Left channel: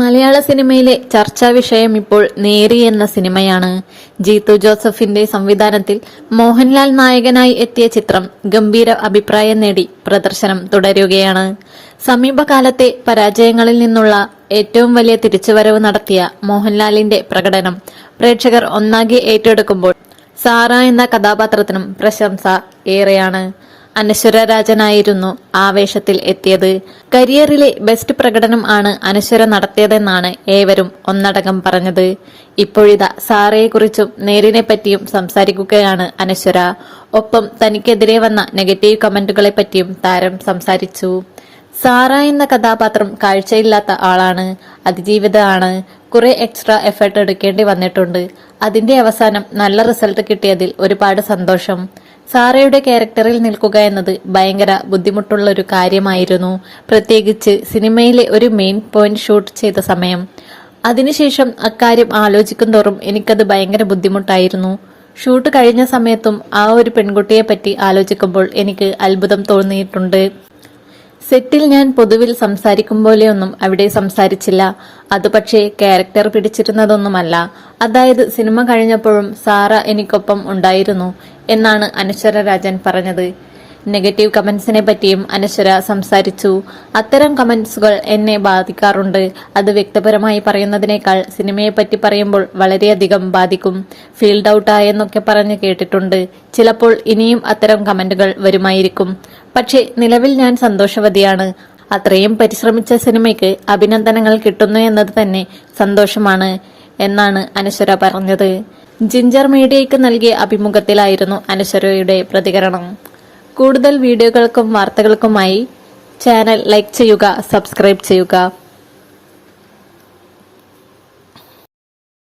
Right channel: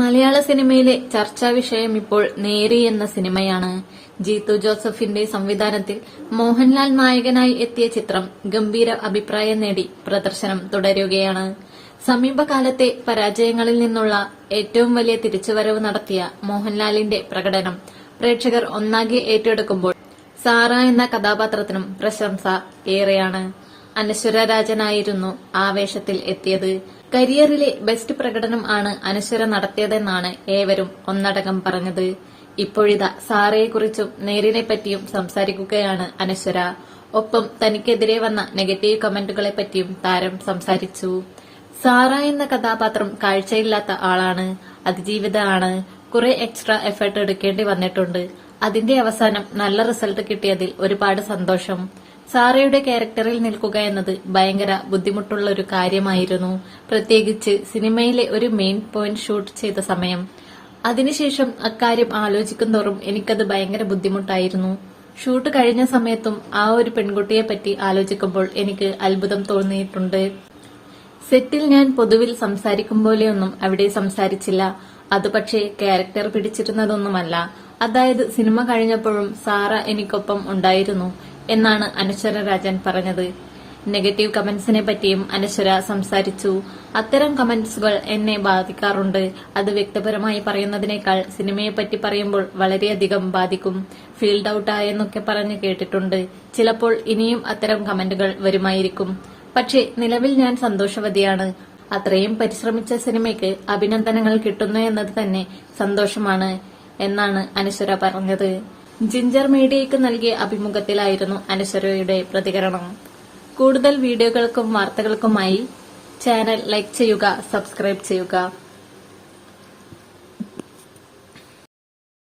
മലയാള സിനിമയിലെ ചർച്ചാ വിഷയം ഇപ്പോൾ നേരി എന്ന സിനിമയാണ്. ജീത്തു ജോസഫിന്റെ സംവിധാനത്തിൽ മോഹൻലാൽ നായകനായി എത്തിയ ചിത്രം ഗംഭീര അഭിപ്രായം നേടി പ്രദർശനം തുടരുകയാണ്. സമീപകാലത്തെ പരാജയങ്ങളിൽ നിന്നുള്ള ഏറ്റവും വലിയ തിരിച്ചുവരവ് നടത്തിയ മോഹൻലാലിന്റെ പ്രകടനം പ്രേക്ഷകർ ഒന്നാകെ ഏറ്റെടുക്കുമ്പോൾ സാറ എന്ന കഥാപാത്രത്തിനും പ്രശംസ ഏറെയാണ്. അനശ്വര രാജനായിരുന്നു ആവേശത്തിൽ എത്തിയത്. കരിയറിലെ ബെസ്റ്റ് പ്രകടനം ആണ് അനശ്വര നടത്തിയതെന്നാണ് ഏവരും ഒന്നടങ്കം പറഞ്ഞത്. ഇപ്പോഴിതാ സാറയെക്കുറിച്ചും നേരിനെ പറ്റിയും സംസാരിക്കുകയാണ് അനശ്വര. ഒപ്പം തനിക്കെതിരെ വന്ന നെഗറ്റീവ് കമന്റുകളെ പറ്റിയും താരം സംസാരിച്ചു. സാറ എന്ന കഥാപാത്രം കാഴ്ചയില്ലാത്ത ആളാണ് അതിജീവിതമാണ് കുറെ എക്സ്ട്രാ എഫേർട്ട് എടുക്കേണ്ടി വന്നിട്ടുണ്ട്. അതിന്റെ അവസാനം നല്ല റിസൾട്ട് കിട്ടിയതിൽ ഒരുപാട് സന്തോഷം. സാറയുടെ ക്യാരക്ടറിൽ നിൽക്കുക എന്നത് ഭയങ്കര ബുദ്ധിമുട്ടുള്ള ഒരു കാര്യമായിരുന്നു. പ്രത്യേകിച്ച് സിനിമയിലെ ഒരു മെയിൻ പോയിന്റ് ഷൂട്ട് ചെയ്ത സമയം. അതിനുശേഷം അക്കാര്യം ആലോചിക്കും തോറും എനിക്കത് ഭയങ്കര ബുദ്ധിമുട്ടായിരുന്നു. ഷൂട്ട് കഴിഞ്ഞ സമയത്തും ആ ഒരു പെൺകുട്ടിയെ പറ്റി ആലോചിക്കുമ്പോൾ എനിക്ക് അത്ഭുതം തോന്നിയിട്ടുണ്ട്. സെറ്റിൽ ഞാൻ പൊതുവിൽ സംസാരിക്കും പോലെയൊന്നും അവിടെ സംസാരിച്ചില്ല. അത് പക്ഷേ ക്യാരക്ടർ പിടിച്ചിരുന്നതൊന്നുമല്ല. അതായത് സിനിമ കഴിഞ്ഞപ്പോഴും സാറ എനിക്കൊപ്പം ഉണ്ടായിരുന്നു. എന്നാണ് അനശ്വര രാജൻ പറഞ്ഞത്. നെഗറ്റീവ് കമന്റ്സിനെ പറ്റിയും അനശ്വര സംസാരിച്ചു. അത്തരം കമന്റ്സുകൾ എന്നെ ബാധിക്കാറുണ്ട്. അത് വ്യക്തിപരമായി പറയുന്നതിനേക്കാൾ സിനിമയെ പറ്റി പറയുമ്പോൾ വളരെയധികം ബാധിക്കും. ഫീൽഡ് ഔട്ടായെന്നൊക്കെ പറഞ്ഞ് പറഞ്ഞു കേട്ടിട്ടുണ്ട്. ചിലപ്പോൾ ഇനിയും അത്തരം കമന്റുകൾ വരുമായിരിക്കും. പക്ഷേ നിലവിൽ ഞാൻ സന്തോഷവതിയാണ്. അത്രയും പരിശ്രമിച്ച സിനിമയ്ക്ക് അഭിനന്ദനങ്ങൾ കിട്ടുന്നു എന്നത് തന്നെ സന്തോഷമാണ് എന്നാണ് അനശ്വര പറഞ്ഞത്. ജിഞ്ചർ മീഡിയയ്ക്ക് നൽകിയ അഭിമുഖത്തിലായിരുന്നു അനശ്വരയുടെ പ്രതികരണം. കൂടുതൽ വീഡിയോകൾക്കും വാർത്തകൾക്കുമായി ചാനൽ ലൈക്ക് ചെയ്യുക സബ്സ്ക്രൈബ് ചെയ്യുക.